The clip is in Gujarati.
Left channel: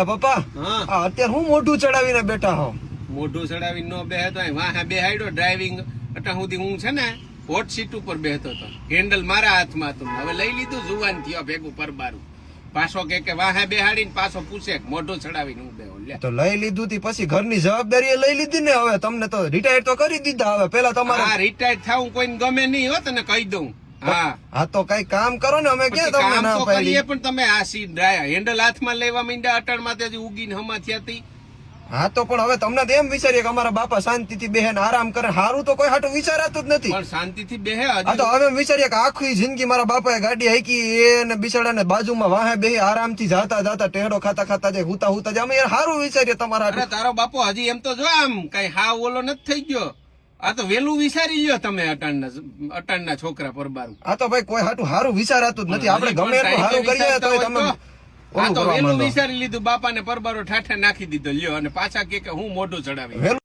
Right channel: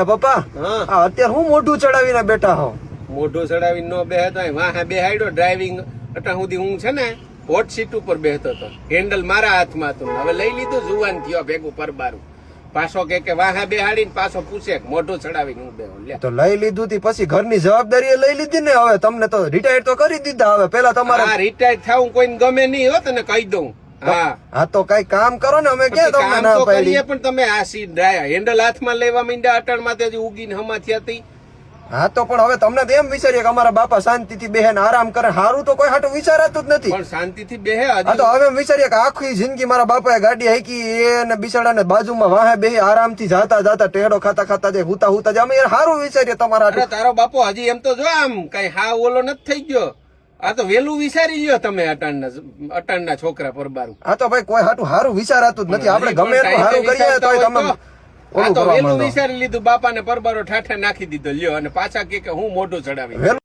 એ પપ્પા હા અત્યારે હું મોઢું ચડાવીને બેઠા હો. મોઢું ચડાવીને નો બેહતો વાહે બેહાડ્યો ડ્રાઇવિંગ અટા સુધી હું છે ને હોટ સીટ ઉપર બેહતો હતો, હેન્ડલ મારા હાથમાં હતું. હવે લઈ લીધું, જુવાન થયો ભેગું પરબારું. પાછો કે વાહે બેહાડીને પાછો પૂછે કે મોઢું ચડાવીને હું બેહો. લે તો લઈ લીધું તી પછી ઘરની જવાબદારી લઈ લીધી ને. હવે તમને તો રિટાયર તો કરી દીધા. હવે પેલા તમારે રિટાયર થાવું કોઈને ગમે નહીં હો, તને કહી દઉં. હા તો કઈ કામ કરો ને. અમે ક્યાં તમને ના પાડી. કરીએ પણ તમે આ સીટ હેન્ડલ હાથમાં લેવા માંડ્યા અટણ માં ઉગીને હમા થયા હતી. હા તો પણ હવે તમને તો એમ વિચારીએ કે અમારા બાપા શાંતિથી બેહેન આરામ કરે. હારું તો કોઈ હાટું વિચારાતું જ નથી. પણ શાંતિથી બેહે. હા તો હવે એમ વિચારીએ કે આખી જિંદગી મારા બાપાએ ગાડી હાકી એને બિચારાને બાજુમાં વાહે બેહી આરામથી જાતા જાતા ટેડો ખાતા ખાતા જાય, હુતા હુતા જાય. અમે યાર હારું વિચારીએ તમારા હાટું. તારો બાપો હજી એમ તો જો આમ કઈ હા ઓલો નથી થઈ ગયો. આ તો વેલું વિચારી લ્યો તમે અટાણના છોકરા પરબારું. હા તો ભાઈ કોઈ હાટું હારું વિચારાતું જ નથી. આપણે ગમે એટલું હારું કરીએ તો તમે આ તો વેલું વિચારી લીધું, બાપાને પરબારો ઠાઠા નાખી દીધો લ્યો, અને પાછા કે હું મોઢું ચડાવી.